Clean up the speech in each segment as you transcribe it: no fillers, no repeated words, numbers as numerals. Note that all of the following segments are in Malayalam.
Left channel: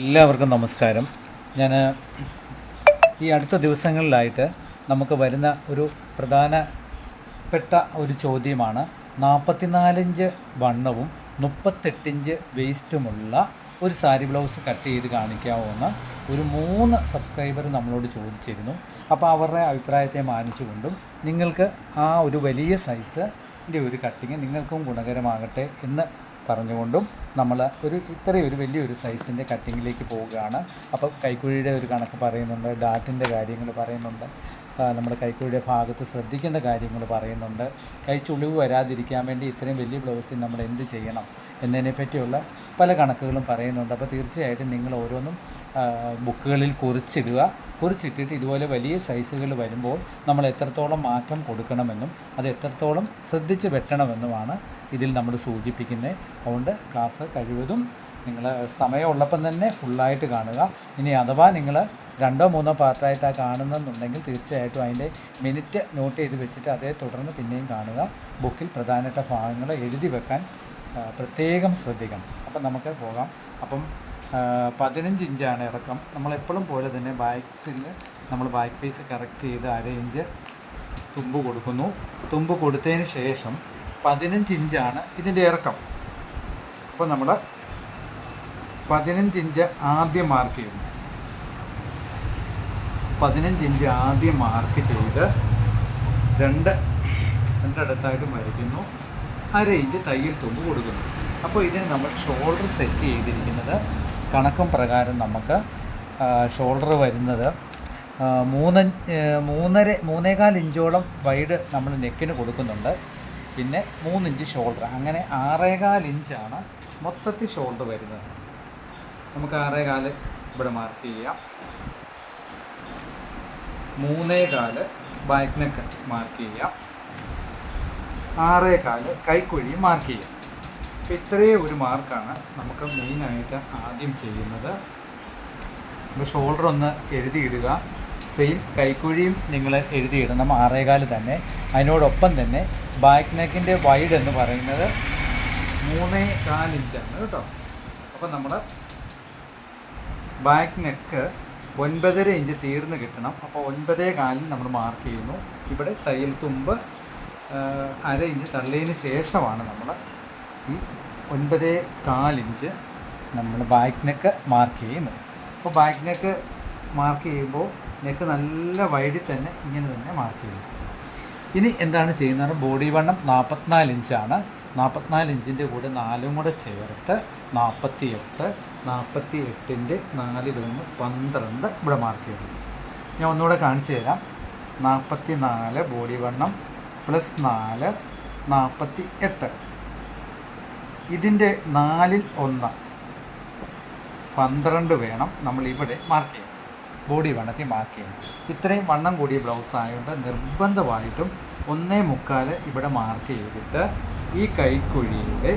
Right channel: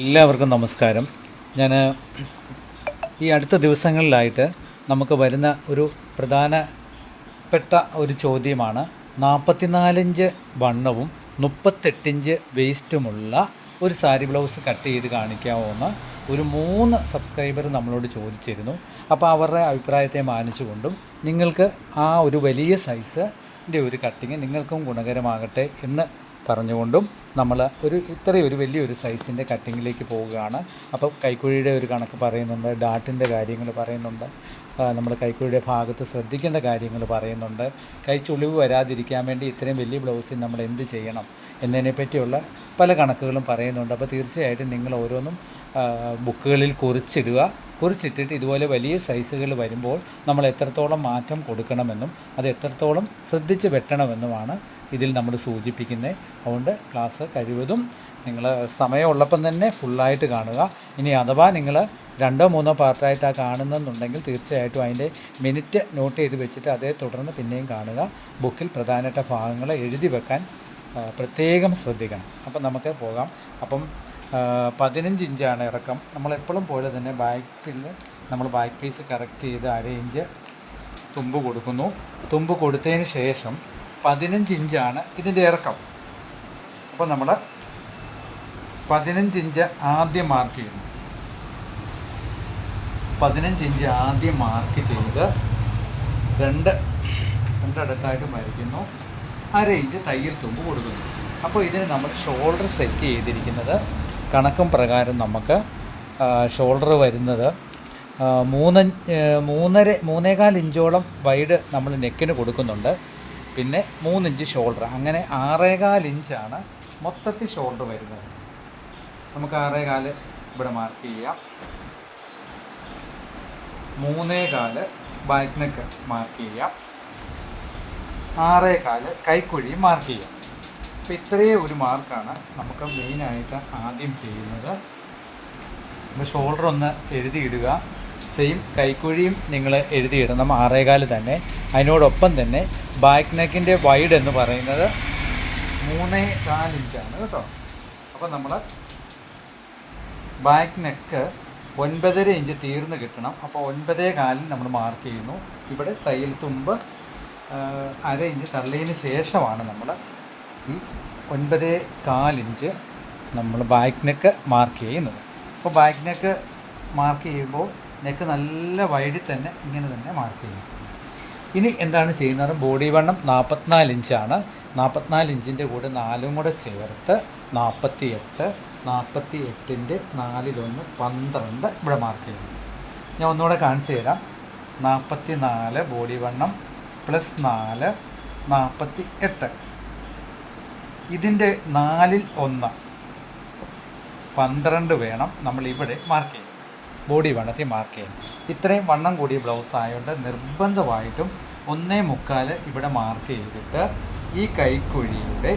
എല്ലാവർക്കും നമസ്കാരം. ഞാൻ ഈ അടുത്ത ദിവസങ്ങളിലായിട്ട് നമുക്ക് വരുന്ന ഒരു പ്രധാനപ്പെട്ട ഒരു ചോദ്യമാണ് 44 ഇഞ്ച് വണ്ണവും 38 ഇഞ്ച് വേസ്റ്റുമുള്ള ഒരു സാരി ബ്ലൗസ് കട്ട് ചെയ്ത് കാണിക്കാമോ എന്ന് ഒരു 3 സബ്സ്ക്രൈബർ നമ്മളോട് ചോദിച്ചിരുന്നു. അപ്പോൾ അവരുടെ അഭിപ്രായത്തെ മാനിച്ചുകൊണ്ടും നിങ്ങൾക്ക് ആ ഒരു വലിയ സൈസിൻ്റെ ഒരു കട്ടിങ് നിങ്ങൾക്കും ഗുണകരമാകട്ടെ എന്ന് പറഞ്ഞുകൊണ്ടും നമ്മൾ ഇത്രയൊരു വലിയൊരു സൈസിൻ്റെ കട്ടിങ്ങിലേക്ക് പോവുകയാണ്. അപ്പോൾ കൈക്കുഴിയുടെ ഒരു കണക്ക് പറയുന്നുണ്ട്, ഡാറ്റിൻ്റെ കാര്യങ്ങൾ പറയുന്നുണ്ട്, നമ്മൾ കൈക്കുഴിയുടെ ഭാഗത്ത് ശ്രദ്ധിക്കേണ്ട കാര്യങ്ങൾ പറയുന്നുണ്ട്, കൈ ചുളിവ് വരാതിരിക്കാൻ വേണ്ടി ഇത്രയും വലിയ ബ്ലൗസിൽ നമ്മൾ എന്ത് ചെയ്യണം എന്നതിനെപ്പറ്റിയുള്ള പല കണക്കുകളും പറയുന്നുണ്ട്. അപ്പോൾ തീർച്ചയായിട്ടും നിങ്ങൾ ഓരോന്നും ബുക്കുകളിൽ കുറിച്ചിട്ടിട്ട് ഇതുപോലെ വലിയ സൈസുകൾ വരുമ്പോൾ നമ്മൾ എത്രത്തോളം മാറ്റം കൊടുക്കണമെന്നും അത് എത്രത്തോളം ശ്രദ്ധിച്ച് വെട്ടണമെന്നുമാണ് ഇതിൽ നമ്മൾ സൂചിപ്പിക്കുന്നത്. അതുകൊണ്ട് ക്ലാസ് കഴിവതും നിങ്ങൾ സമയമുള്ളപ്പം തന്നെ ഫുള്ളായിട്ട് കാണുക. ഇനി അഥവാ നിങ്ങൾ 2-3 പാർട്ടായിട്ടാണ് കാണുന്നതെന്നുണ്ടെങ്കിൽ തീർച്ചയായിട്ടും അതിൻ്റെ മിനിറ്റ് നോട്ട് ചെയ്ത് വെച്ചിട്ട് അതേ തുടർന്ന് പിന്നെയും കാണുക. ബുക്കിൽ പ്രധാനപ്പെട്ട ഭാഗങ്ങൾ എഴുതി വെക്കാൻ പ്രത്യേകം ശ്രദ്ധിക്കണം. അപ്പം നമുക്ക് പോകാം. അപ്പം 15 ഇഞ്ചാണ് ഇറക്കം. നമ്മളെപ്പോഴും പോലെ തന്നെ നമ്മൾ ബാക്ക് പീസ് കറക്റ്റ് ചെയ്ത് 1/2 ഇഞ്ച് തുമ്പ് കൊടുക്കുന്നു. തുമ്പ് കൊടുത്തതിന് ശേഷം 15 ഇഞ്ചാണ് ഇതിൻ്റെ ഇറക്കം. അപ്പോൾ നമ്മൾ 15 ഇഞ്ച് ആദ്യം മാർക്ക് ചെയ്യുന്നു. 15 ഇഞ്ച് ആദ്യം മാർക്ക് ചെയ്ത് രണ്ടിടത്തായിട്ട് മരിക്കുന്നു. 1/2 ഇഞ്ച് തയ്യൽ തുമ്പ് കൊടുക്കുന്നു. അപ്പോൾ ഇതിന് നമ്മൾ ഷോൾഡർ സെറ്റ് ചെയ്തിരിക്കുന്നത് കണക്കും പ്രകാരം നമുക്ക് ഷോൾഡർ വരുന്നത് 3.25 ഇഞ്ചോളം വൈഡ് നമ്മൾ നെക്കിന് കൊടുക്കുന്നുണ്ട്. പിന്നെ 3 ഇഞ്ച് ഷോൾഡർ, അങ്ങനെ 6.25 ഇഞ്ചാണ് മൊത്തത്തിൽ ഷോൾഡർ വരുന്നത്. നമുക്ക് 6.25 ഇവിടെ മാർക്ക് ചെയ്യാം. 3.25 ബാക്ക് നെക്ക് മാർക്ക് ചെയ്യാം. 6.25 കൈക്കുഴി മാർക്ക് ചെയ്യാം. അപ്പോൾ ഇത്രയും ഒരു മാർക്കാണ് നമുക്ക് മെയിനായിട്ട് ആദ്യം ചെയ്യുന്നത്. അപ്പോൾ ഷോൾഡർ ഒന്ന് എഴുതിയിടുക. സെയിം കൈക്കുഴിയും നിങ്ങൾ എഴുതിയിടണം 6.25 തന്നെ. അതിനോടൊപ്പം തന്നെ ബാക്ക് നെക്കിൻ്റെ വൈഡ് എന്ന് പറയുന്നത് 3.25 ഇഞ്ചാണ് കേട്ടോ. അപ്പോൾ നമ്മൾ ബാക്ക് നെക്ക് 9.5 ഇഞ്ച് തീർന്ന് കിട്ടണം. അപ്പോൾ 9.25 നമ്മൾ മാർക്ക് ചെയ്യുന്നു. ഇവിടെ തയ്യൽ തുമ്പ് 1/2 ഇഞ്ച് തള്ളിയതിന് ശേഷമാണ് നമ്മൾ ഈ 9.25 ഇഞ്ച് നമ്മൾ ബാക്ക് നെക്ക് മാർക്ക് ചെയ്യുന്നത്. അപ്പോൾ ബാക്ക് നെക്ക് മാർക്ക് ചെയ്യുമ്പോൾ നെക്ക് നല്ല വൈഡിൽ തന്നെ ഇങ്ങനെ തന്നെ മാർക്ക് ചെയ്യും. ഇനി എന്താണ് ചെയ്യുന്നത്? ബോഡി വണ്ണം 44 ഇഞ്ചാണ്. 44 ഇഞ്ചിൻ്റെ കൂടെ 4 കൂടെ ചേർത്ത് 48, 48ൻ്റെ 4-1 12 ഇവിടെ മാർക്ക് ചെയ്യുന്നു. ഞാൻ ഒന്നുകൂടെ കാണിച്ചു തരാം. 44 ബോഡി വണ്ണം പ്ലസ് 4 48. ഇതിൻ്റെ 4-1 12 വേണം നമ്മളിവിടെ മാർക്ക് ചെയ്യാം. ബോഡി വണ്ണത്തിൽ മാർക്ക് ചെയ്യണം. ഇത്രയും വണ്ണം കൂടിയ ബ്ലൗസ് ആയതുകൊണ്ട് നിർബന്ധമായിട്ടും 1.25 ഇവിടെ മാർക്ക് ചെയ്തിട്ട് ഈ കൈക്കുഴിയുടെ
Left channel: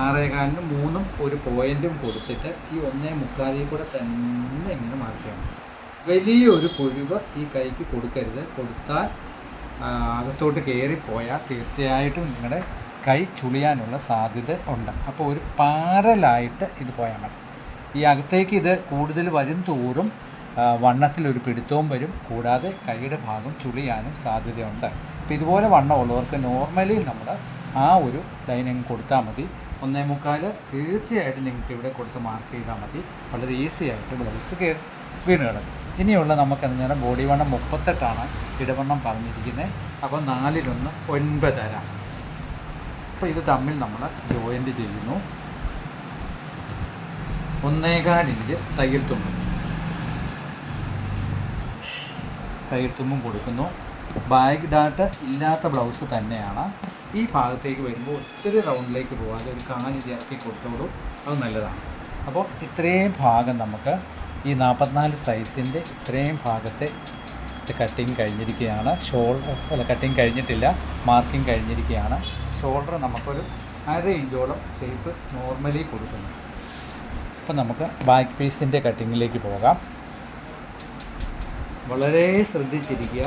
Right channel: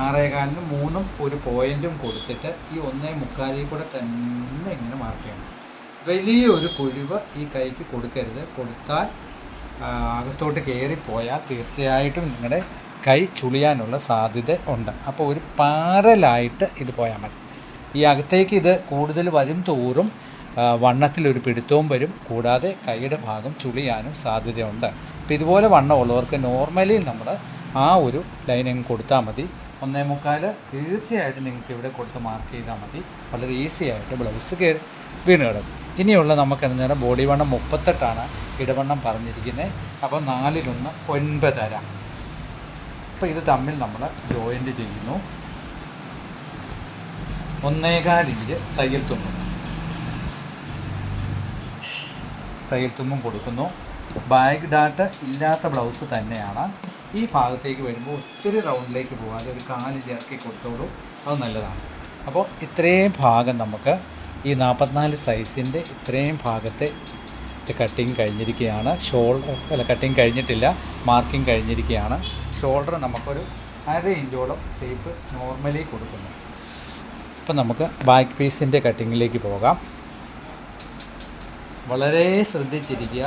6.25 3 ഒരു പോയിൻറ്റും കൊടുത്തിട്ട് ഈ 1.25 കൂടെ തന്നെ ഇങ്ങനെ മാർക്ക് ചെയ്യണം. വലിയൊരു കുഴിവ് ഈ കൈക്ക് കൊടുക്കരുത്. കൊടുത്താൽ അകത്തോട്ട് കയറിപ്പോയാൽ തീർച്ചയായിട്ടും നിങ്ങളുടെ കൈ ചുളിയാനുള്ള സാധ്യത ഉണ്ട്. അപ്പോൾ ഒരു പാരലായിട്ട് ഇത് പോയാൽ മതി. ഈ അകത്തേക്ക് ഇത് കൂടുതൽ വരും തോറും വണ്ണത്തിലൊരു പിടുത്തവും വരും. കൂടാതെ കൈയുടെ ഭാഗം ചുളിയാനും സാധ്യതയുണ്ട്. അപ്പോൾ ഇതുപോലെ വണ്ണമുള്ളവർക്ക് നോർമലി നമ്മൾ ആ ഒരു ലൈനിങ് കൊടുത്താൽ മതി. 1.25 തീർച്ചയായിട്ടും നിങ്ങൾക്ക് ഇവിടെ കൊടുത്ത് മാർക്ക് ചെയ്താൽ മതി. വളരെ ഈസി ആയിട്ട് ബ്ലൗസ് വീണ് കിടക്കും. ഇനിയുള്ള നമുക്ക് എന്നേരം ബോഡി വണ്ണം 38ആണ് ഇടവണ്ണം പറഞ്ഞിരിക്കുന്നത്. അപ്പോൾ 4-1 9.5. അപ്പോൾ ഇത് തമ്മിൽ നമ്മൾ ജോയിൻ്റ് ചെയ്യുന്നു. 1.25 ഇഞ്ച് തയ്യൽ തുമ്പും കൊടുക്കുന്നു. ബാക്ക് ഡാട്ട് ഇല്ലാത്ത ബ്ലൗസ് തന്നെയാണ്. ഈ ഭാഗത്തേക്ക് വരുമ്പോൾ ഒത്തിരി റൗണ്ടിലേക്ക് പോകാതെ ഒരു 4 ഇഞ്ച് ഇറക്കി കൊടുത്തോളൂ, അത് നല്ലതാണ്. അപ്പോൾ ഇത്രയും ഭാഗം നമുക്ക് ഈ 44 സൈസിൻ്റെ ഇത്രയും ഭാഗത്തെ കട്ടിങ് കഴിഞ്ഞിരിക്കുകയാണ്. കട്ടിങ് കഴിഞ്ഞിട്ടില്ല, മാർക്കിങ് കഴിഞ്ഞിരിക്കുകയാണ്. ഷോൾഡർ നമുക്കൊരു 1/2 ഇഞ്ചോളം ഷേപ്പ് നോർമലി കൊടുക്കുന്നു. അപ്പോൾ നമുക്ക് ബാക്ക് പീസിൻ്റെ കട്ടിങ്ങിലേക്ക് പോകാം. വളരെ ശ്രദ്ധിച്ചിരിക്കുക.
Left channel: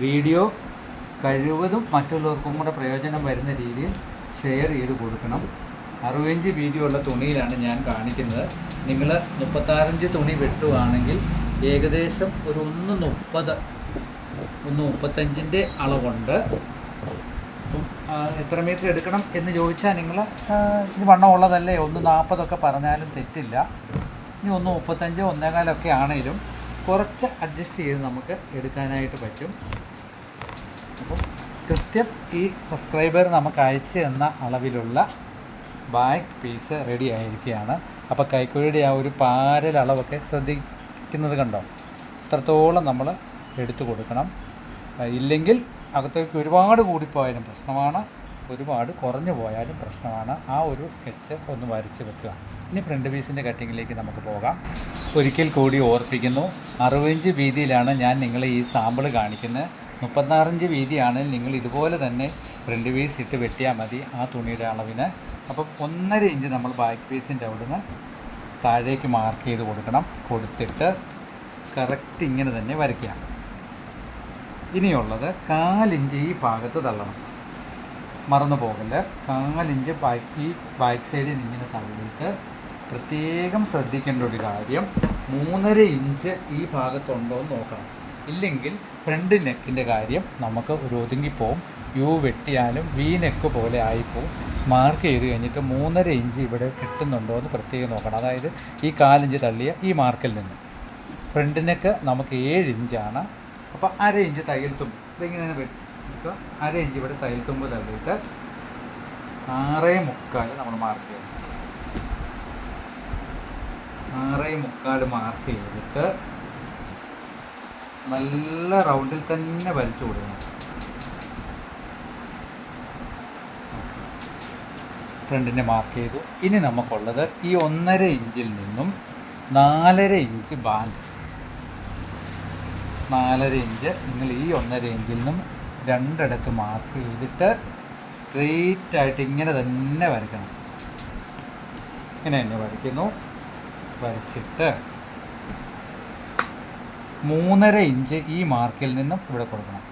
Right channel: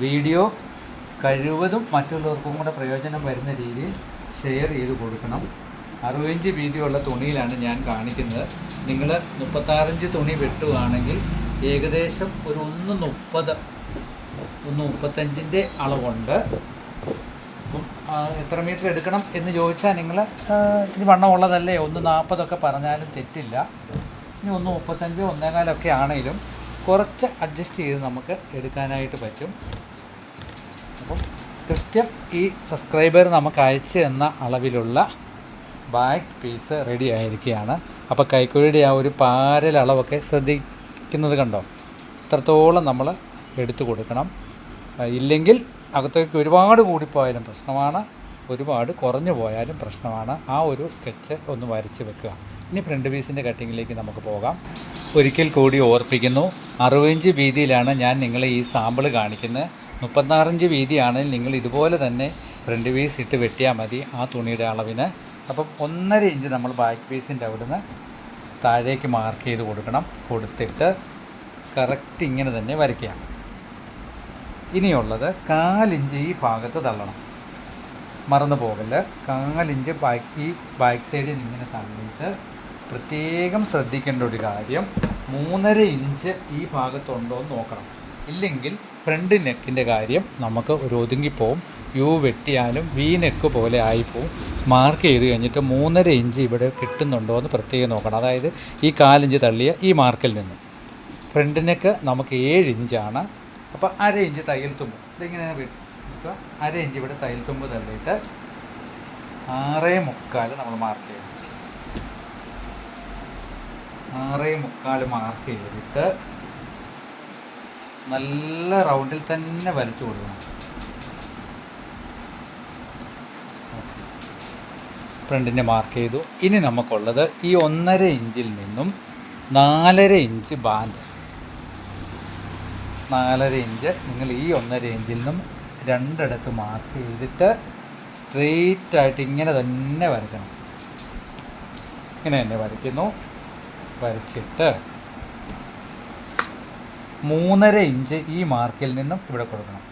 വീഡിയോ കഴിവതും മറ്റുള്ളവർക്കും കൂടെ പ്രയോജനം വരുന്ന രീതിയിൽ ഷെയർ ചെയ്ത് കൊടുക്കണം. 60 ഇഞ്ച് വീതിയുള്ള തുണിയിലാണ് ഞാൻ കാണിക്കുന്നത്. നിങ്ങൾ 36 തുണി വെട്ടുകയാണെങ്കിൽ ഏകദേശം ഒരു 1:30 1:35 അളവുണ്ട്. അപ്പം എത്ര മീറ്റർ എടുക്കണം എന്ന് ചോദിച്ചാൽ നിങ്ങൾ ഇനി വണ്ണമുള്ളതല്ലേ 1:40 പറഞ്ഞാലും തെറ്റില്ല. ഇനി 1:35 1:15 ആണെങ്കിലും കുറച്ച് അഡ്ജസ്റ്റ് ചെയ്ത് നമുക്ക് എടുക്കാനായിട്ട് പറ്റും. അപ്പം കൃത്യം ഈ സബ്സ്ക്രൈബർ നമുക്ക് അയച്ചു തന്ന അളവിലുള്ള ബാക്ക് പീസ് റെഡി ആയിരിക്കുകയാണ്. അപ്പോൾ കൈക്കുഴിയുടെ ആ ഒരു പാരൽ അളവൊക്കെ ശ്രദ്ധിക്കുന്നത് കണ്ടോ, ഇത്രത്തോളം നമ്മൾ എടുത്തു കൊടുക്കണം. ഇല്ലെങ്കിൽ അകത്തേക്ക് ഒരുപാട് കൂടിപ്പോയാലും പ്രശ്നമാണ്, ഒരുപാട് കുറഞ്ഞു പോയാലും പ്രശ്നമാണ്. ആ ഒരു സ്കെച്ച് ഒന്ന് വരച്ച് വെക്കുക. ഇനി ഫ്രണ്ട് പീസിൻ്റെ കട്ടിങ്ങിലേക്ക് നമുക്ക് പോകാം. ഒരിക്കൽ കൂടി ഓർപ്പിക്കുന്നു, 60 ഇഞ്ച് വീതിയിലാണ് ഞാൻ നിങ്ങളെ ഈ സാമ്പിൾ കാണിക്കുന്നത്. 36 ഇഞ്ച് വീതിയാണെങ്കിൽ നിങ്ങൾ ഇതുപോലെ തന്നെ ഫ്രണ്ട് പീസ് ഇട്ട് വെട്ടിയാൽ മതി ആ തുണിയുടെ അളവിന്. അപ്പം 1.5 ഇഞ്ച് നമ്മൾ ബാക്ക് പീസിൻ്റെ അവിടുന്ന് താഴേക്ക് മാർക്ക് ചെയ്ത് കൊടുക്കണം. കൊടുത്തിട്ട് കറക്റ്റ് ഇങ്ങനെ തന്നെ വരയ്ക്കുക. ഇനിയുള്ളത് 1/4 ഇഞ്ച് ഈ ഭാഗത്ത് തള്ളണം, മറന്നു പോകല്ലേ. 1/4 ഇഞ്ച് ഈ ബാക്ക് സൈഡിൽ ഇങ്ങനെ തള്ളിയിട്ട് പ്രത്യേകം ശ്രദ്ധിക്കേണ്ട ഒരു കാര്യം, 3.5 ഇഞ്ച് ഈ ഭാഗത്തുണ്ടോ എന്ന് നോക്കണം. ഇല്ലെങ്കിൽ ഫ്രണ്ട് നെക്കിൻ്റെ കാര്യം നമുക്ക് ഒരു ഒതുങ്ങിപ്പോവും. യു വെട്ടിയാലും വി നെക്ക് പോലെ ആയിപ്പോവും. മാർക്ക് ചെയ്ത് കഴിഞ്ഞിട്ട് 3.5 ഇഞ്ച് ഇവിടെ കിട്ടുന്നുണ്ടോ എന്ന് പ്രത്യേകം നോക്കണം. അതായത് ഈ 1/4 ഇഞ്ച് തള്ളിയ ഈ മാർക്കിൽ നിന്നും ഫ്രണ്ട് നെക്ക് നമുക്ക് 7 ഇഞ്ചാണ്. അപ്പോൾ 1/2 ഇഞ്ച് തയ്യൽ തുമ്പ് ഇതിങ്ങനെ വെക്കുക. 1/2 ഇഞ്ച് ഇവിടെ തയ്യൽ തുമ്പ് തള്ളിയിട്ട് 6.25 നമ്മൾ മാർക്ക് ചെയ്യണം. 6.25 മാർക്ക് ചെയ്തിട്ട് നല്ല റൗണ്ടിൽ തന്നെ വരച്ചു കൊടുക്കണം. ഫ്രണ്ടിനെ മാർക്ക് ചെയ്തു. ഇനി നമുക്കുള്ളത് ഈ 1.5 ഇഞ്ചിൽ നിന്നും 4.5 ഇഞ്ച് ബാൻഡ്. 4.5 ഇഞ്ച് നിങ്ങൾ ഈ 1.5 ഇഞ്ചിൽ നിന്നും രണ്ടിടത്ത് മാർക്ക് ചെയ്തിട്ട് സ്ട്രെയിറ്റ് ആയിട്ട് ഇങ്ങനെ തന്നെ വരയ്ക്കണം. ഇങ്ങനെ തന്നെ വരയ്ക്കുന്നു. വരച്ചിട്ട് 3.5 ഇഞ്ച് ഈ മാർക്കിൽ നിന്നും ഇവിടെ കൊടുക്കണം.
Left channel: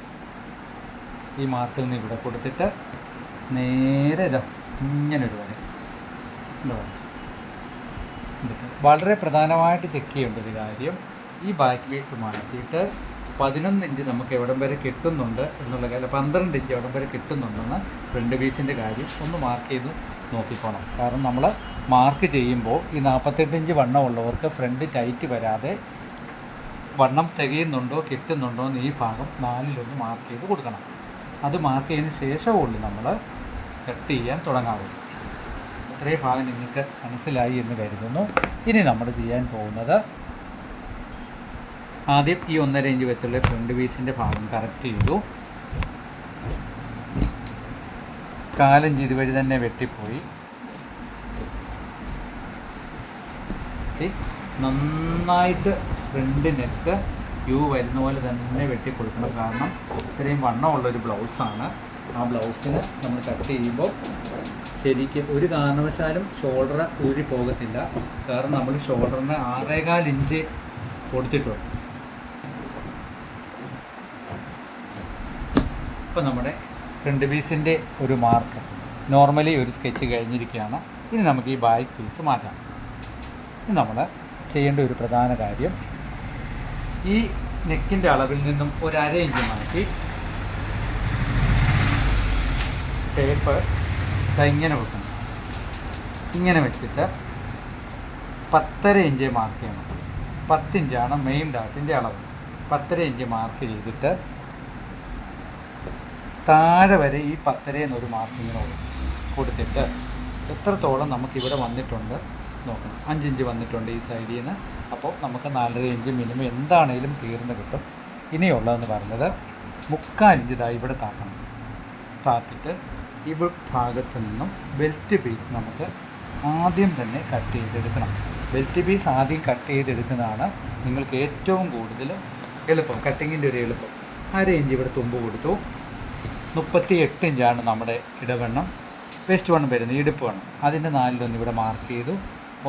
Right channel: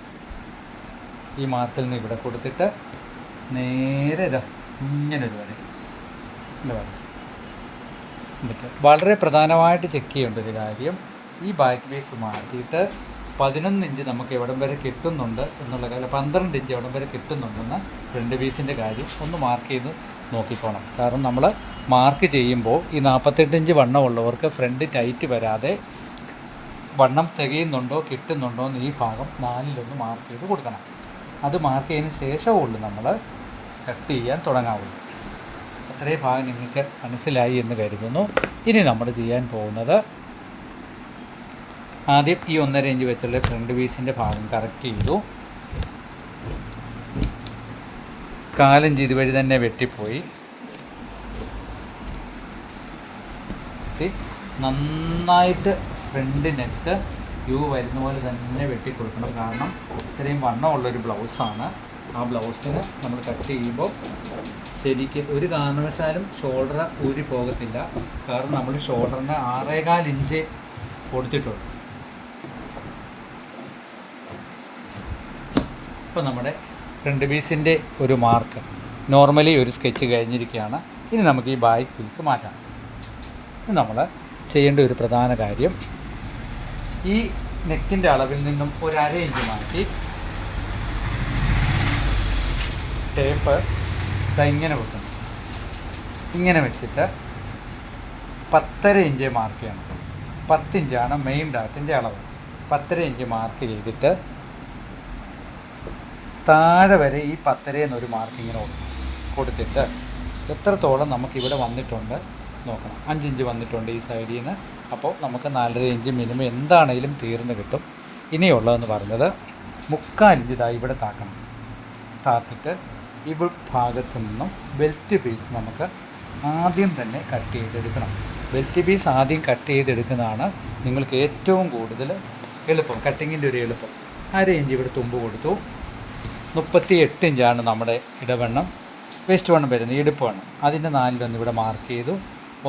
ഈ മാർക്കിൽ നിന്ന് ഇവിടെ കൊടുത്തിട്ട് നേരെ ഇങ്ങനൊരു വര. വളരെ പ്രധാനമായിട്ട് ചെക്ക് ചെയ്യേണ്ട ഒരു കാര്യം, ഈ ബാക്ക് പീസ് മാറ്റിയിട്ട് 11 ഇഞ്ച് നമുക്ക് എവിടം വരെ കിട്ടുന്നുണ്ട് എന്നുള്ള കാര്യം, 12 ഇഞ്ച് എവിടം വരെ കിട്ടുന്നുണ്ടെന്ന് ഫ്രണ്ട് പീസിൻ്റെ കാര്യം ഒന്ന് മാർക്ക് ചെയ്ത് നോക്കിക്കോണം. കാരണം നമ്മൾ മാർക്ക് ചെയ്യുമ്പോൾ ഈ 48 ഇഞ്ച് വണ്ണമുള്ളവർക്ക് ഫ്രണ്ട് ടൈറ്റ് വരാതെ വണ്ണം തികയുന്നുണ്ടോ കിട്ടുന്നുണ്ടോ എന്ന് ഈ ഭാഗം 4-1 മാർക്ക് ചെയ്ത് കൊടുക്കണം. അത് മാർക്ക് ചെയ്തതിന് ശേഷമുള്ളൂ നമ്മൾ കട്ട് ചെയ്യാൻ തുടങ്ങാവുള്ളൂ. അത്രയും ഭാഗം നിങ്ങൾക്ക് മനസ്സിലായി എന്ന് കരുതുന്നു. ഇനി നമ്മൾ ചെയ്യാൻ പോകുന്നത്, ആദ്യം ഈ 1.5 ഇഞ്ച് വെച്ചുള്ള ഫ്രണ്ട് പീസിൻ്റെ ഭാഗം കറക്റ്റ് ചെയ്തു. 1/4 ഇഞ്ച് ഇതുവഴി തന്നെ വെട്ടിപ്പോയി. നന്നായിട്ട് ഫ്രണ്ട് നെക്ക് യു വരുന്ന പോലെ തന്നെ വെട്ടിക്കൊടുക്കണം. കാരണം ഇത്രയും വണ്ണമുള്ളൊരു ബ്ലൗസാണ്. ആ ബ്ലൗസിന് നമ്മൾ കട്ട് ചെയ്യുമ്പോൾ ശരിക്കും ഒരു കാരണവശാലും ഷോൾഡർ ഊരി പോകത്തില്ല. കാരണം നമ്മൾ ഷോൾഡറിന് 6.25 ഇഞ്ച് കൊടുത്തിട്ടുണ്ട്. ഇപ്പോൾ നമ്മുടെ ഫ്രണ്ട് പീസിൻ്റെ ഒരു മാർക്ക് നോർമലി ഒരു സ്കെച്ച് കഴിഞ്ഞിരിക്കുകയാണ്. ഇനി നമുക്ക് ഈ ബാക്ക് പീസ് മാറ്റാം. ഇത് നമ്മൾ ചെയ്യേണ്ട ഒരു പ്രധാന കാര്യം, ഈ നെക്കിൻ്റെ അളവിൽ നിന്നും ഒരു 1/2 ഇഞ്ച് മാറ്റി ടേപ്പ് ഇങ്ങനെ വെക്കണം. ഇങ്ങനെ വെച്ചിട്ട് 10.5 ഇഞ്ച് മാർക്ക് ചെയ്യണം. 10 ഇഞ്ചാണ് മെയിൻ ഡാറ്റിൻ്റെ അളവ്. 10.5 ഇഞ്ച് മാർക്ക് ചെയ്തിട്ട് താഴെ വരെ ഈ 10.5 എന്നൊരു മാർക്കിങ്ങിന് കൊടുത്തിട്ട് എത്രത്തോളം നമുക്കിവിടെ വന്നിട്ടുണ്ട് നോക്കണം. 5 ഇഞ്ച് വന്നിട്ടുണ്ട് ഈ സൈഡിൽ നിന്ന്. അപ്പോൾ നമുക്ക് 4.5 ഇഞ്ച് മിനിമം എന്താണെങ്കിലും തീർന്ന് കിട്ടും. ഇനിയുള്ളതെന്ന് പറഞ്ഞത് 3/4 ഇഞ്ച് ഇവിടെ താക്കണം. താത്തിട്ട് ഈ ഭാഗത്തു നിന്നും ബെൽറ്റ് പീസ് നമുക്ക് ആദ്യം തന്നെ കട്ട് ചെയ്തെടുക്കണം. ബെൽറ്റ് പീസ് ആദ്യം കട്ട് ചെയ്തെടുക്കുന്നതാണ് നിങ്ങൾക്ക് ഏറ്റവും കൂടുതൽ എളുപ്പം, കട്ടിങ്ങിൻ്റെ ഒരു എളുപ്പം. 1/2 ഇഞ്ച് ഇവിടെ തുമ്പ് കൊടുത്തു. 38 ഇഞ്ചാണ് നമ്മുടെ ഇടവണ്ണം. വേസ്റ്റ് വണ്ണം വരുന്നത്, ഇടുപ്പ് വണ്ണം. അതിൻ്റെ 4-1 ഇവിടെ മാർക്ക് ചെയ്തു.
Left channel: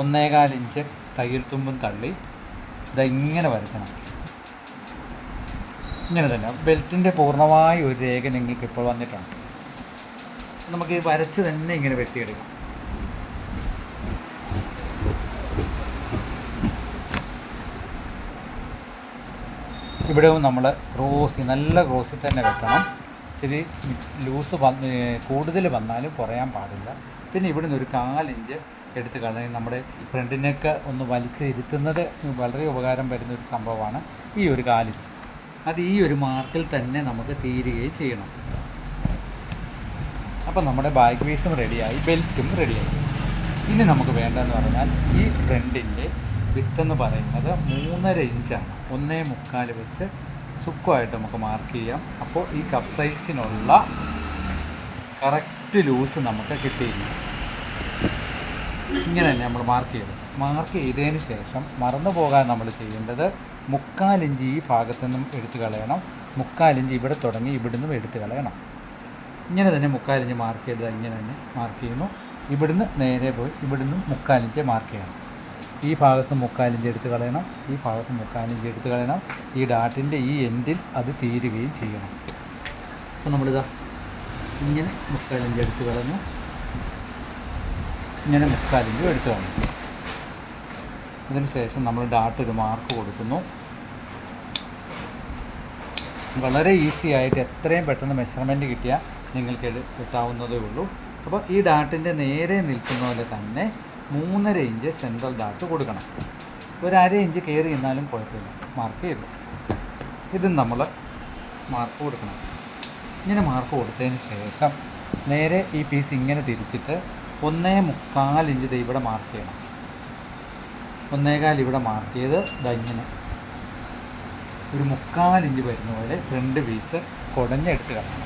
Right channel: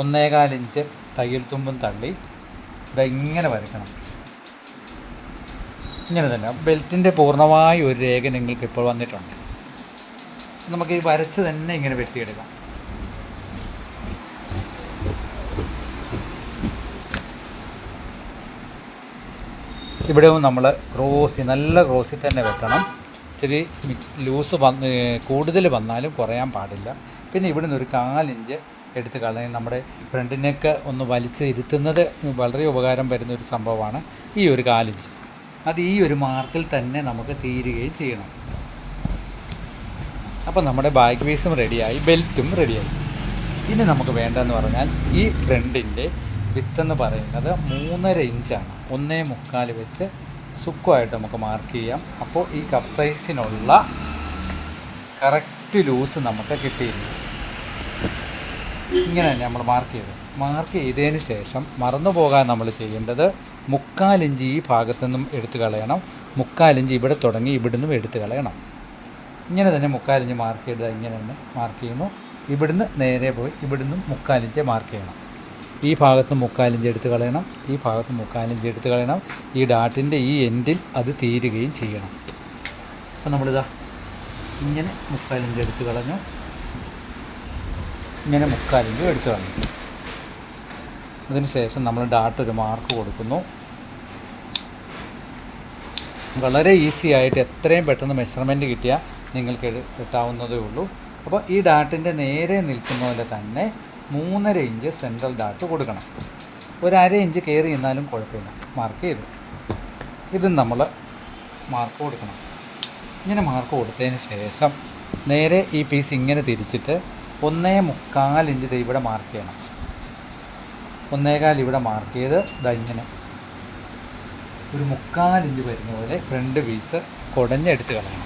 1.25 ഇഞ്ച് തയ്യൽ തുമ്പും തള്ളി ഇങ്ങനെ വരയ്ക്കണം. ഇങ്ങനെ തന്നെ ബെൽറ്റിൻ്റെ പൂർണ്ണമായ ഒരു രേഖ നിങ്ങൾക്ക് ഇപ്പോൾ വന്നിട്ടുണ്ട്. നമുക്ക് ഈ വരച്ച് തന്നെ ഇങ്ങനെ വെട്ടിയെടുക്കാം. ഇവിടെ നമ്മൾ നല്ല ക്രോസിൽ തന്നെ വെട്ടണം. ഇത്തിരി ലൂസ് കൂടുതൽ വന്നാലും കുറയാൻ പാടില്ല. പിന്നെ ഇവിടെ നിന്ന് ഒരു 1/4 ഇഞ്ച് എടുത്ത് കളയാൻ നമ്മുടെ ഫ്രണ്ടിനൊക്കെ ഒന്ന് വലിച്ച് ഇരുത്തുന്നത് വളരെ ഉപകാരം വരുന്നൊരു സംഭവമാണ് ഈ ഒരു 1/4 ഇഞ്ച്. അത് ഈ ഒരു മാർക്കിൽ തന്നെ നമുക്ക് തീരുകയും ചെയ്യണം. അപ്പോൾ നമ്മുടെ ബാക്ക് പീസും റെഡിയായി, ബെൽറ്റും റെഡിയായി. ഇനി നമുക്ക് വേണ്ടതെന്ന് പറഞ്ഞാൽ ഈ ഫ്രണ്ടിൻ്റെ വിത്തെന്ന് പറയുന്നത് 3.5 ഇഞ്ചാണ്. 1.25 വെച്ച് സുഖമായിട്ട് നമുക്ക് മാർക്ക് ചെയ്യാം. അപ്പോൾ ഈ കപ്പ് സൈസിനുള്ള കറക്റ്റ് ലൂസ് നമുക്ക് കിട്ടിയില്ല. ഇങ്ങനെ തന്നെ നമ്മൾ മാർക്ക് ചെയ്തതിന് ശേഷം മറന്നു പോകാൻ നമ്മൾ ചെയ്യേണ്ടത് 3/4 ഇഞ്ച് ഈ ഭാഗത്തു നിന്നും എടുത്ത് കളയണം. 3/4 ഇഞ്ച് ഇവിടെ തുടങ്ങി ഇവിടുന്നും എടുത്ത് കളയണം. ഇങ്ങനെ തന്നെ 3/4 ഇഞ്ച് മാർക്ക് ചെയ്ത് ഇങ്ങനെ തന്നെ മാർക്ക് ചെയ്യുന്നു. ഇവിടുന്ന് നേരെ പോയി ഇവിടുന്ന് 3/4 ഇഞ്ച് മാർക്ക് ചെയ്യണം. ഈ ഭാഗത്ത് 3/4 ഇഞ്ച് എടുത്ത് കളയണം, ഈ ഭാഗത്ത് 3/4 ഇഞ്ച് എടുത്ത് കളയണം. ഈ ഡാട്ടിൻ്റെ ഈ എൻഡിൽ അത് തീരുകയും ചെയ്യണം. അപ്പോൾ നമ്മളിതാ ഇങ്ങനെ 3/4 ഇഞ്ച് എടുത്ത് കളഞ്ഞു, ഇങ്ങനെ 3/4 ഇഞ്ച് എടുത്ത് കളഞ്ഞു. അതിന് ശേഷം നമ്മൾ ഡാട്ട് ഒരു മാർക്ക് കൊടുക്കുന്നു. വളരെ ഈസി ആയിട്ട് എത്രയും പെട്ടെന്ന് മെഷർമെൻറ്റ് കിട്ടിയാൽ നിങ്ങൾക്ക് കിട്ടാവുന്നതേ ഉള്ളൂ. അപ്പോൾ ഈ ഡാട്ടിൻ്റെ നേരെ നിൽക്കുന്ന പോലെ തന്നെ 3.5 ഇഞ്ച് സെൻട്രൽ ഡാട്ട് കൊടുക്കണം. 1/2 ഇഞ്ച് കയറി എന്നാലും കുഴപ്പമില്ല. മാർക്ക് ചെയ്തു. ഇതും നമ്മൾ മാർക്ക് കൊടുക്കണം. ഇങ്ങനെ മാർക്ക് കൊടുത്തതിന് ശേഷം നേരെ ഈ പീസ് ഇങ്ങനെ തിരിച്ചിട്ട് 1.25 ഇഞ്ച് ഇവിടെ മാർക്ക് ചെയ്യണം. 1.25 ഇവിടെ മാർക്ക് ചെയ്ത് ഇങ്ങനെ ഒരു 3/4 ഇഞ്ച് വരുന്ന പോലെ ഫ്രണ്ട് പീസ് കുടഞ്ഞെടുത്ത് കളയണം.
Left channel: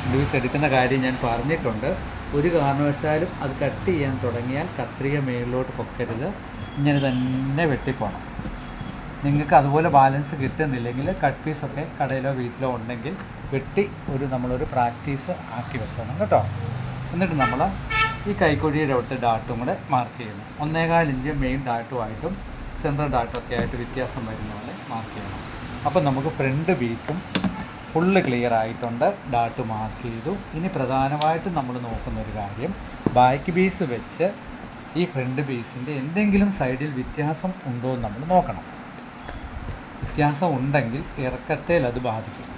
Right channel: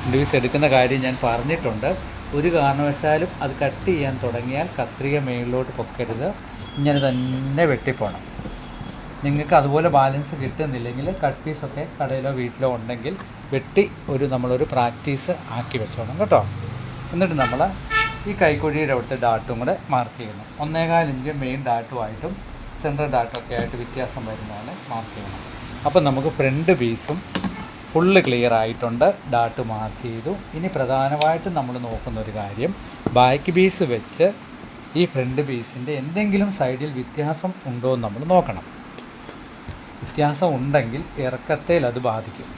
ഫ്രണ്ട് പീസ് എടുക്കുന്ന കാര്യം ഞാൻ പറഞ്ഞിട്ടുണ്ട്. ഒരു കാരണവശാലും അത് കട്ട് ചെയ്യാൻ തുടങ്ങിയാൽ കത്രിക മേളിലോട്ട് പൊക്കരുത്, ഇങ്ങനെ തന്നെ വെട്ടിപ്പോണം. നിങ്ങൾക്ക് അതുപോലെ ബാലൻസ് കിട്ടുന്നില്ലെങ്കിൽ കട്ട് പീസൊക്കെ കടയിലോ വീട്ടിലോ ഉണ്ടെങ്കിൽ വെട്ടി നമ്മളൊരു പ്രാക്ടീസ് ആക്കി വെച്ചോണം കേട്ടോ. എന്നിട്ട് നമ്മൾ ഈ കൈക്കൊഴിയുടെ അവിടുത്തെ ഡാട്ടും കൂടെ മാർക്ക് ചെയ്യുന്നു. 1.25 ഇഞ്ച് മെയിൻ ഡാട്ടുമായിട്ടും സെൻട്രൽ ഡാട്ടുമൊക്കെ ആയിട്ട് വ്യത്യാസം വരുന്നതാണ് മാർക്ക് ചെയ്യണം. അപ്പം നമുക്ക് ഫ്രണ്ട് പീസും ഫുള്ള് ക്ലിയർ ആയിട്ടുണ്ട്. ഡാട്ട് മാർക്ക് ചെയ്തു. ഇനി പ്രധാനമായിട്ടും നമ്മൾ നോക്കുന്നൊരു കാര്യം, ബാക്ക് പീസ് വെച്ച് ഈ ഫ്രണ്ട് പീസിൻ്റെ എന്തെങ്കിലും സൈഡിൽ വ്യത്യാസം ഉണ്ടോ എന്ന് നമ്മൾ നോക്കണം. വ്യത്യാസം ഉണ്ടെങ്കിൽ ഇറക്കത്തേൽ അത് ബാധിക്കും.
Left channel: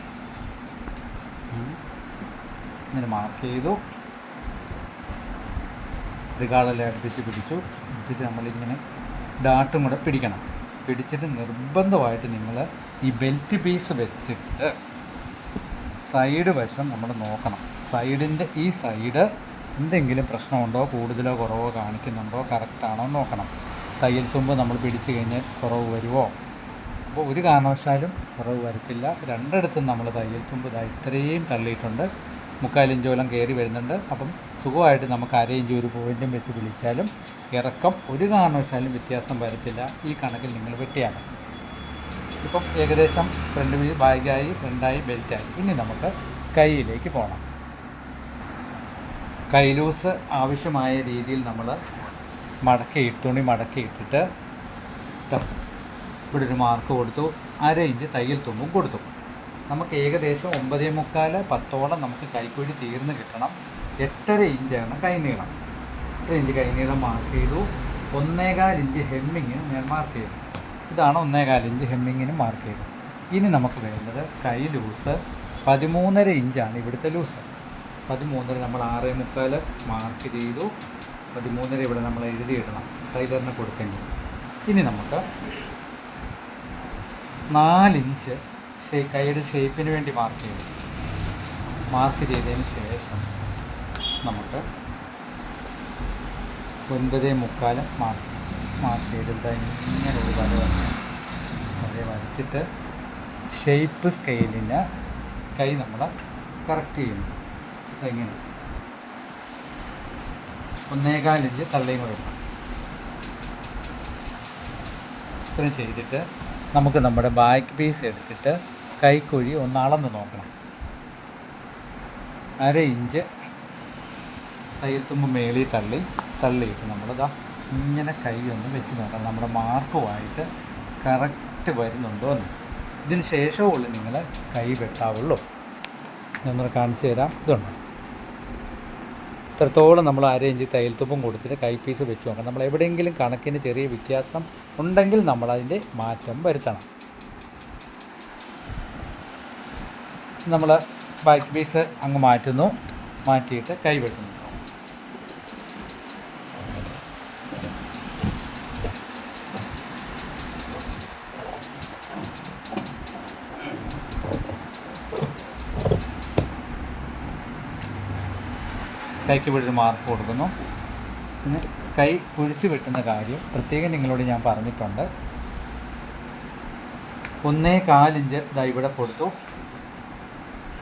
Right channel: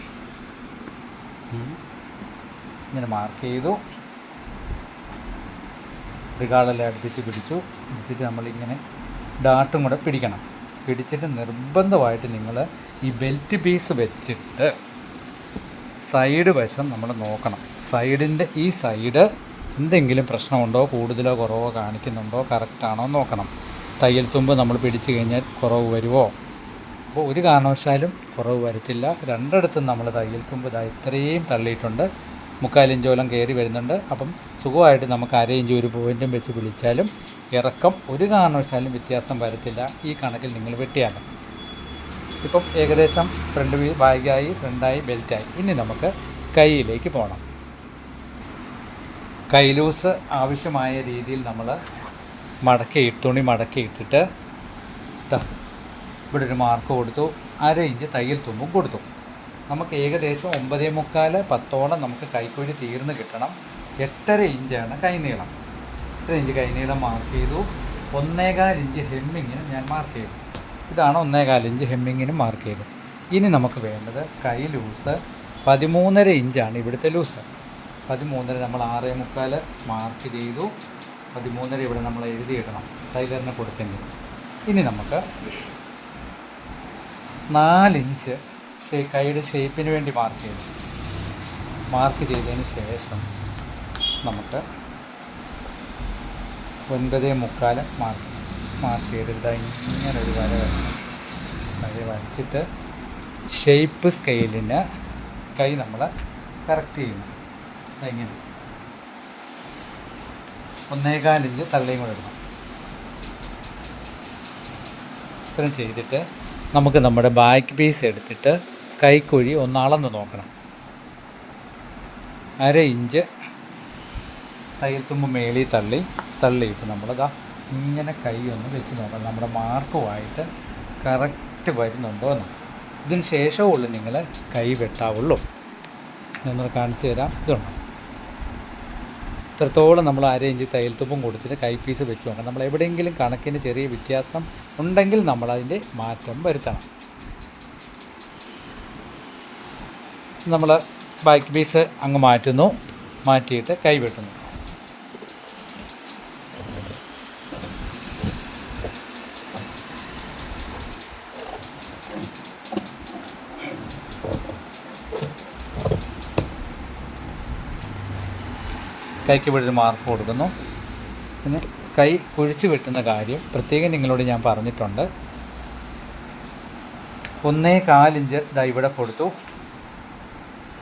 ഇങ്ങനെ മാർക്ക് ചെയ്തു. റികാളെല്ലാം അടുപ്പിച്ച് പിടിച്ചിട്ട് നമ്മളിങ്ങനെ ഡാട്ടും കൂടെ പിടിക്കണം. പിടിച്ചിട്ട് നിർബന്ധമായിട്ട് നിങ്ങൾ ഈ ബെൽറ്റ് പീസ് വെച്ചിട്ട് സൈഡ് വശം നമ്മൾ നോക്കണം. സൈഡിൻ്റെ ഈ സൈഡ് എന്തെങ്കിലും പ്രശ്നമുണ്ടോ, കൂടുതലോ കുറവോ കാണിക്കുന്നുണ്ടോ, കറക്റ്റാണോ നോക്കണം. തയ്യൽ തുമ്പ് നമ്മൾ പിടിച്ചു കഴിഞ്ഞാൽ കുറവ് വരുമോ? അപ്പോൾ ഒരു കാരണവശാലും കുറവ് വരത്തില്ല. രണ്ടിടത്തും നമ്മൾ തയ്യൽ തുമ്പ് ഇത്രയും തള്ളിയിട്ടുണ്ട്. 3/4 ഇഞ്ചോളം കയറി വരുന്നുണ്ട്. അപ്പം സുഖമായിട്ട് നമുക്ക് 1/2 ഇഞ്ച് ഒരു പോയിൻറ്റും വെച്ച് പിടിച്ചാലും ഇറക്കം ഒരു കാരണവശാലും വ്യത്യാസം വരത്തില്ല. ഈ കണക്കിൽ നിങ്ങൾ വെട്ടിയാലും ഇപ്പം ഏകദേശം ഫ്രണ്ട് ബാഗായി, ഫ്രണ്ടായി, ബെൽറ്റായി. ഇനി നമുക്ക് കൈയിലേക്ക് പോകണം. കൈ ലൂസ് ആവശ്യമായ രീതിയിൽ നമ്മൾ തുണി മടക്കിയിട്ടിട്ട് ഇവിടെ ഒരു മാർക്ക് കൊടുത്തു. 1/2 ഇഞ്ച് തയ്യൽ തുമ്പും കൊടുത്തു. നമുക്ക് ഏകദേശം 9.25 10ഓളം നമുക്ക് കൈക്കുഴി തീർന്ന് കിട്ടണം. 8.5 ഇഞ്ചാണ് കൈനീളം. 8 ഇഞ്ച് കൈനീളം മാർക്ക് ചെയ്തു. 1.25 ഇഞ്ച് ഹെമ്മിങ്ങിന് ഞാൻ മാർക്ക് ചെയ്തു. ഇതാണ് 1.25 ഇഞ്ച് ഹെമ്മിങ്ങിന് മാർക്ക് ചെയ്തത്. ഇനി നമുക്ക് വേണ്ടത് കൈ ലൂസ് 13.5 ഇഞ്ചാണ് ഇവിടുത്തെ ലൂസ്. 13.5 നമ്മൾ 6.25 മാർക്ക് ചെയ്തു. 13.5 ഇവിടെ നമ്മൾ എഴുതിയിടണം ടൈലറിന് കൊടുത്തെങ്കിൽ. ഇനി നമുക്ക് 4 ഇഞ്ച് കൈയുടെ ഷേപ്പിന് വേണ്ടി മാർക്ക് ചെയ്തു. മാർക്ക് ചെയ്തതിന് ശേഷം നമുക്ക് 9.25 മാർക്ക് ചെയ്തിട്ട് ഇങ്ങനെ ഒരു വര വരയ്ക്കണം. വര വരച്ചിട്ട് ഷേപ്പ് സ്കെയിലിന് കൈ നമ്മൾ കറക്റ്റ് ചെയ്യുന്നു. അതെങ്ങനെ 1.25 ഇഞ്ച് തള്ളിയും കൂടെ എടുക്കണം. ഇത്രയും ചെയ്തിട്ട് നമുക്ക് നമ്മുടെ ബാക്ക് പീസ് എടുത്തിട്ട് കൈക്കുഴി ഒന്ന് അളന്ന് നോക്കണം. 1/2 ഇഞ്ച് തയ്യൽ തുമ്പ് മേളിൽ തള്ളിയിട്ട് നമ്മളിതാ ഇങ്ങനെ കൈ ഒന്ന് വെച്ച് നോക്കണം. നമ്മുടെ മാർക്കുമായിട്ട് കറക്റ്റ് വരുന്നുണ്ടോ എന്ന്. ഇതിന് ശേഷമുള്ളൂ നിങ്ങൾ കൈ വെട്ടാവുള്ളൂ. ഞാനൊന്ന് കാണിച്ചു തരാം. ഇതുണ്ടോ, ഇത്രത്തോളം നമ്മൾ 1/2 ഇഞ്ച് തയ്യൽ തുമ്പും കൊടുത്തിട്ട് കൈ പീസ് വെച്ച് നോക്കണം. നമ്മൾ എവിടെയെങ്കിലും കണക്കിന് ചെറിയ വ്യത്യാസം ഉണ്ടെങ്കിൽ നമ്മളതിൻ്റെ മാറ്റം വരുത്തണം. നമ്മൾ ബാക്ക് പീസ് അങ്ങ് മാറ്റുന്നു. മാറ്റിയിട്ട് കൈ വെട്ടുന്നു. കൈക്ക് ഇവിടെ ഒരു മാർക്ക് കൊടുക്കുന്നു. പിന്നെ കൈ കുഴിച്ച് വെട്ടുന്ന കാര്യം പ്രത്യേകം നിങ്ങളോട് ഞാൻ പറഞ്ഞിട്ടുണ്ട്. 1.25 ഇഞ്ച് ദാ ഇവിടെ കൊടുത്തു,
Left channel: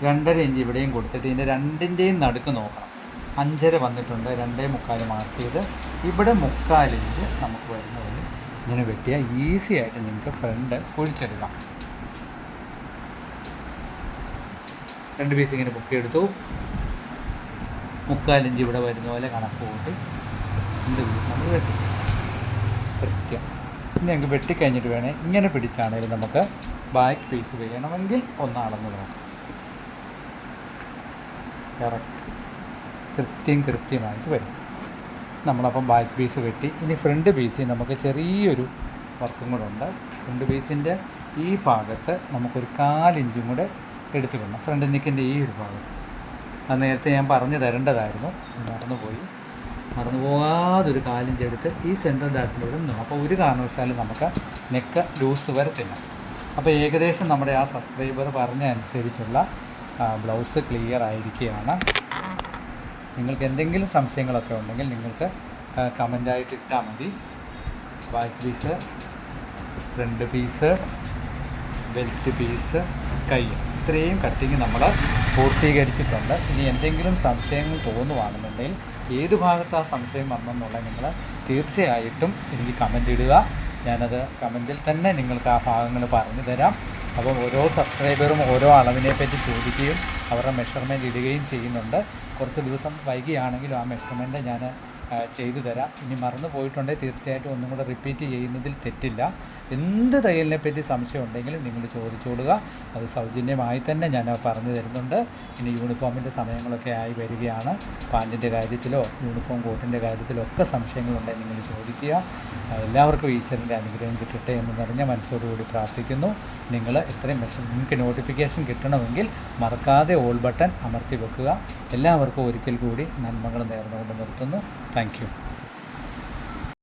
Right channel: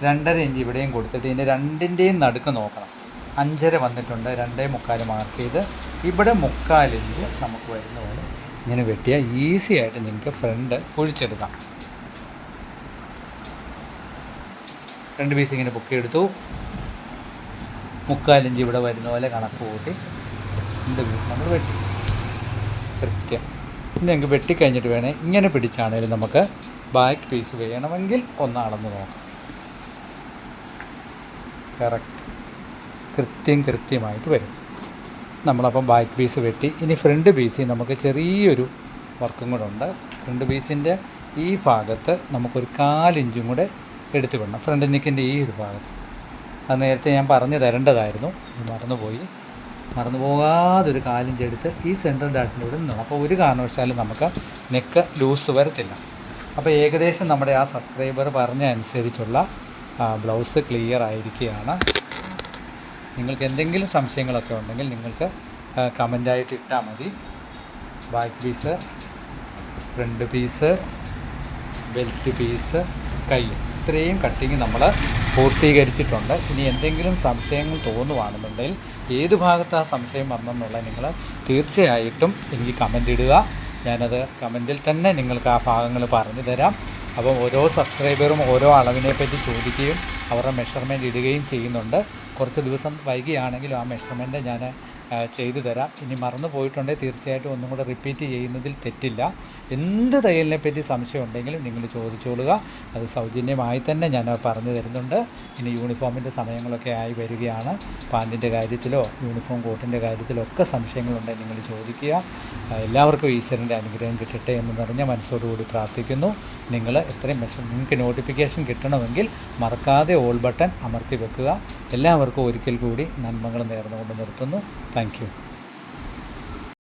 2.5 ഇഞ്ച് ഇവിടെയും കൊടുത്തിട്ട് ഇതിൻ്റെ രണ്ടിൻ്റെയും നടുക്ക് നോക്കണം. 5.5 വന്നിട്ടുണ്ട്, 2.25 മാർക്ക് ചെയ്ത് ഇവിടെ 3/4 ഇഞ്ച് നമുക്ക് വരുന്ന പോലെ ഇങ്ങനെ വെട്ടിയാൽ ഈസി ആയിട്ട് നിങ്ങൾക്ക് ഫ്രണ്ട് കുഴിച്ചെടുക്കാം. 2 പീസ് ഇങ്ങനെ പൊക്കിയെടുത്തു. 3/4 ഇഞ്ച് ഇവിടെ വരുന്ന പോലെ കണക്ക് കൂട്ടി നമ്മൾ വെട്ടി കൃത്യം. ഇനി ഞങ്ങൾക്ക് വെട്ടിക്കഴിഞ്ഞിട്ട് വേണേൽ ഇങ്ങനെ പിടിച്ചാണെങ്കിലും നമുക്ക് ബാക്ക് പീസ് വേണമെങ്കിൽ ഒന്ന് അളന്ന് വേണം. കറക്റ്റ് കൃത്യമായിട്ട് വരും. നമ്മളപ്പം ബാക്ക് പീസ് വെട്ടി. ഇനി ഫ്രണ്ട് പീസിൽ നമുക്ക് ചെറിയൊരു വർക്കും കൂടെ ഉണ്ട്. ഫ്രണ്ട് പീസിൻ്റെ ഈ ഭാഗത്ത് നമുക്കൊരു 1/4 ഇഞ്ചും കൂടെ എടുത്ത് വിടണം. ഫ്രണ്ട് നെക്കിൻ്റെ ഈ ഒരു ഭാഗത്ത്. അത് നേരത്തെ ഞാൻ പറഞ്ഞു തരേണ്ടതായിരുന്നു, മറന്നു പോകാതൊരു 1/4 ഇഞ്ച് എടുത്ത് ഈ സെൻട്രൽ ഡാട്ടിലൂടെ നിന്നു. അപ്പോൾ ഒരു കാരണവശാലും നമുക്ക് നെക്ക് ലൂസ് വരത്തില്ല. അപ്പോൾ ഏകദേശം നമ്മുടെ ആ സബ്സ്ക്രൈബർ പറഞ്ഞ അനുസരിച്ചുള്ള ബ്ലൗസ് ക്ലിയർ ആയിരിക്കുകയാണ്. നിങ്ങൾക്ക് എന്തെങ്കിലും സംശയങ്ങളൊക്കെ ഉണ്ടെങ്കിൽ നിങ്ങൾക്ക് കമൻ്റായിട്ട് ഇട്ടാൽ മതി. Back piece, front piece, belt piece, കൈ, ഇത്രയും കട്ടിങ് നമ്മൾ പൂർത്തീകരിച്ചിട്ടുണ്ട്. ഇനി എന്തെങ്കിലും സംശയങ്ങൾ തോന്നുവാണെന്നുണ്ടെങ്കിൽ ഏത് ഭാഗത്ത് ആ സംശയം വന്നെന്നുള്ളത് നിങ്ങൾ തീർച്ചയായിട്ടും എനിക്ക് കമൻ്റ് ഇടുക. ഞാനത് കമൻറ്റിൽ തന്നെ നിങ്ങൾക്ക് ആ ഭാഗങ്ങൾ പറഞ്ഞു തരാം. അപ്പോൾ ഓരോ സബ്സ്ക്രൈബറും ഓരോ അളവിനെപ്പറ്റി ചോദിക്കുകയും അവരുടെ മെഷർമെൻറ്റ് ഇടുകയും ചെയ്യുന്നുണ്ട്. കുറച്ച് ദിവസം വൈകിയാണെങ്കിലും ആ മെഷർമെൻറ്റ് ഞാൻ ചെയ്തു തരാം. ഇനി മറന്നു പോയിട്ടുണ്ടെങ്കിൽ തീർച്ചയായിട്ടും ഒന്നും കൂടെ റിപ്പീറ്റ് ചെയ്യുന്നതിൽ തെറ്റില്ല. എന്ത് തയ്യലിനെ പറ്റി സംശയം ഉണ്ടെങ്കിലും നിങ്ങൾ ചോദിച്ചോളുക. അത് സൗജന്യമായി തന്നെ ഞാൻ പറഞ്ഞു തരുന്നുണ്ട്. ഇനി യൂണിഫോമിൻ്റെ സമയങ്ങളൊക്കെ ആയി വരികയാണ്. പാൻറ്റിൻ്റെ കാര്യത്തിലോ യൂണിഫോം കോട്ടിൻ്റെ കാര്യത്തിലോ ഒക്കെ സംശയങ്ങളുണ്ടെങ്കിൽ നിങ്ങൾ ചോദിക്കുക. എല്ലാവർക്കും ഈശ്വരൻ്റെ അനുഗ്രഹം കിട്ടട്ടെ എന്ന് നിറഞ്ഞ മനസ്സോടുകൂടി പ്രാർത്ഥിക്കുന്നു. നിങ്ങൾ എത്രയും നിങ്ങൾക്ക് നോട്ടിഫിക്കേഷൻ കിട്ടണമെങ്കിൽ മറക്കാതെ ഓൾ ബട്ടൺ അമർത്തി വെക്കുക. എല്ലാവർക്കും ഒരിക്കൽ കൂടി നന്മകൾ നേർന്നുകൊണ്ട് നിർത്തുന്നു. Thank you.